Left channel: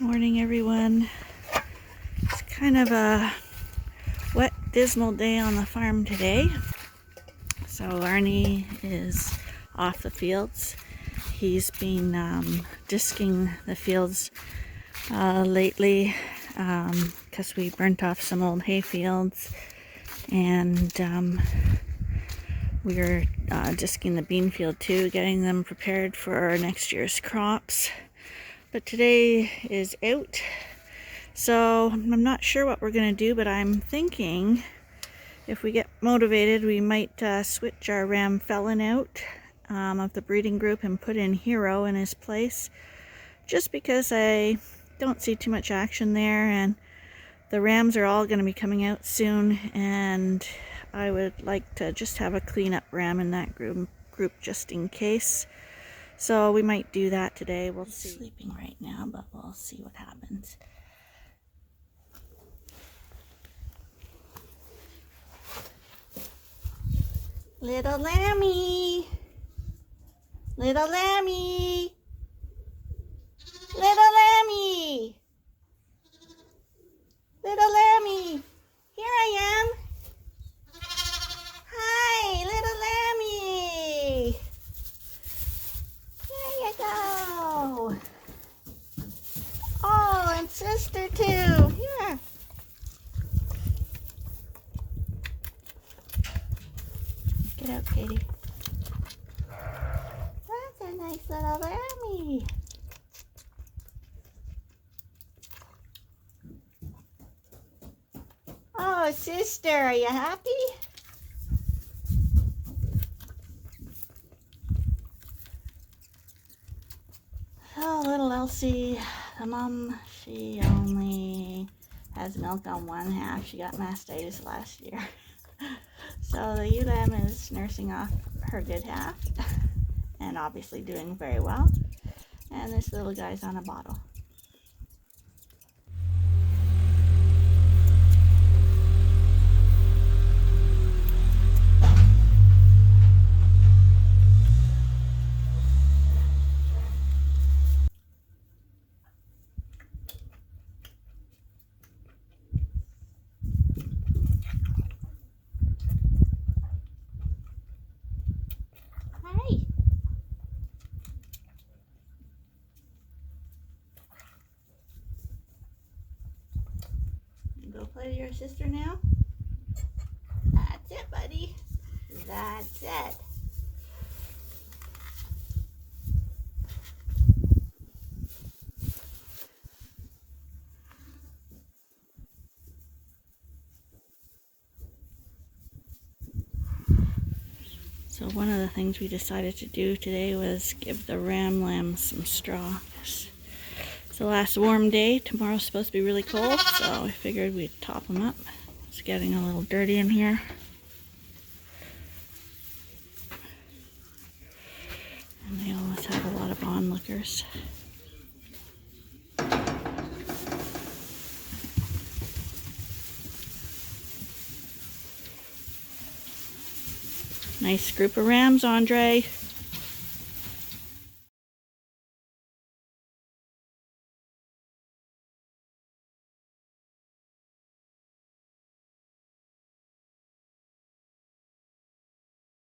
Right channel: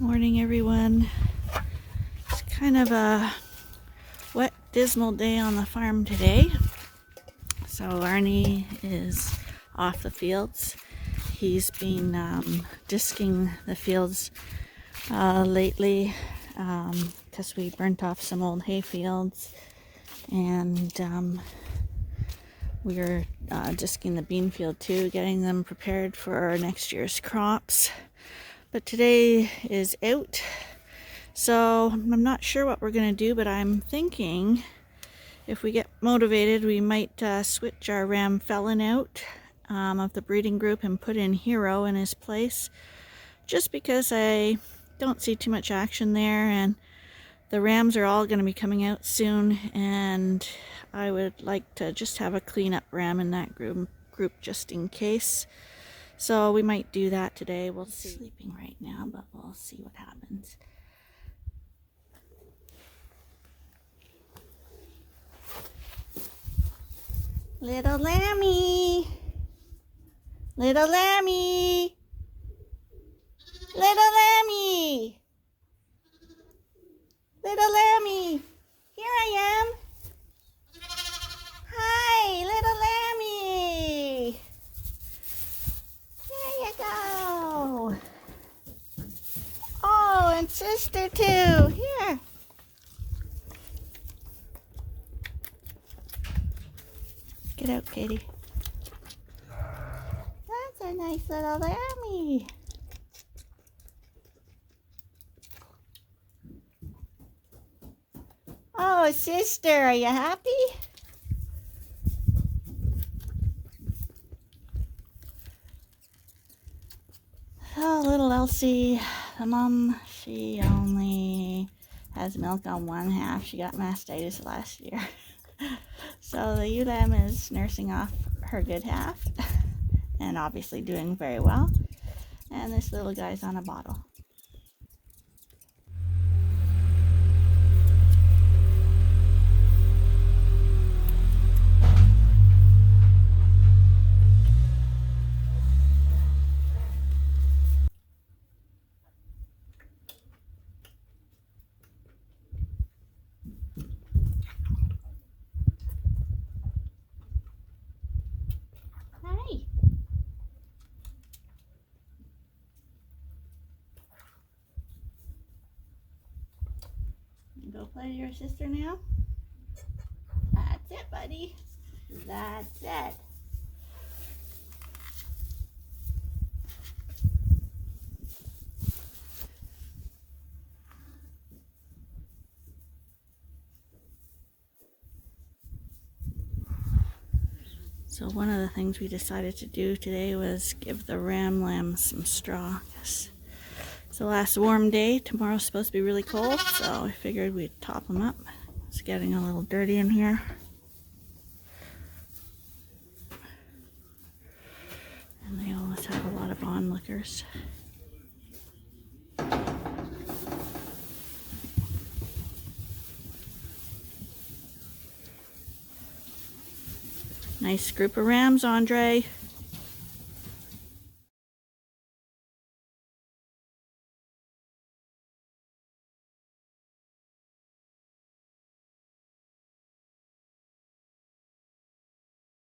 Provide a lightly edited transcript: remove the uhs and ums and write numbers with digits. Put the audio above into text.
Morning, everyone. It's kind of a wet, dismal day on the farm today. So Arnie is off the fields. He's been disking the fields lately because we burnt off some old hay fields, and we're disking the bean field too, getting them prepared for next year's crops. But today is out, so I'm not sure what we're going to do, but I'm thinking if we get motivated, we might switch our ram felon out of the breeding group and put in Hero in his place, just because I don't see too much action there, and the rams are all going to be coming out soon, and I would like to just have a cleanup ram in that group just in case. So we might do that today. We'll see. He's sleeping right now, but we'll see what happens. Little lammy. Little lammy. Little lammy. Little lammy. Here I am. Hi, little lammy. Here you go. Oh, and sister too. Here. Get out, Katie. That's a nice little lammy. Oh, sister, are you happy? Oh, little Elsie, the mom, she only has milk on one half. She got mastitis last year. So the ewe lamb is nursing off her good half and obviously doing very well. And this little guy's on a bottle. Hi. Go play to your sister now? That's it, buddy. That's it. So one of the things we decided to do today was give the ram lambs some straw. It's the last warm day. Tomorrow's supposed to be really cold, so I figured we'd top them up. It's getting a little dirty in here. And they always have a lot of onlookers. Nice group of rams, Andre.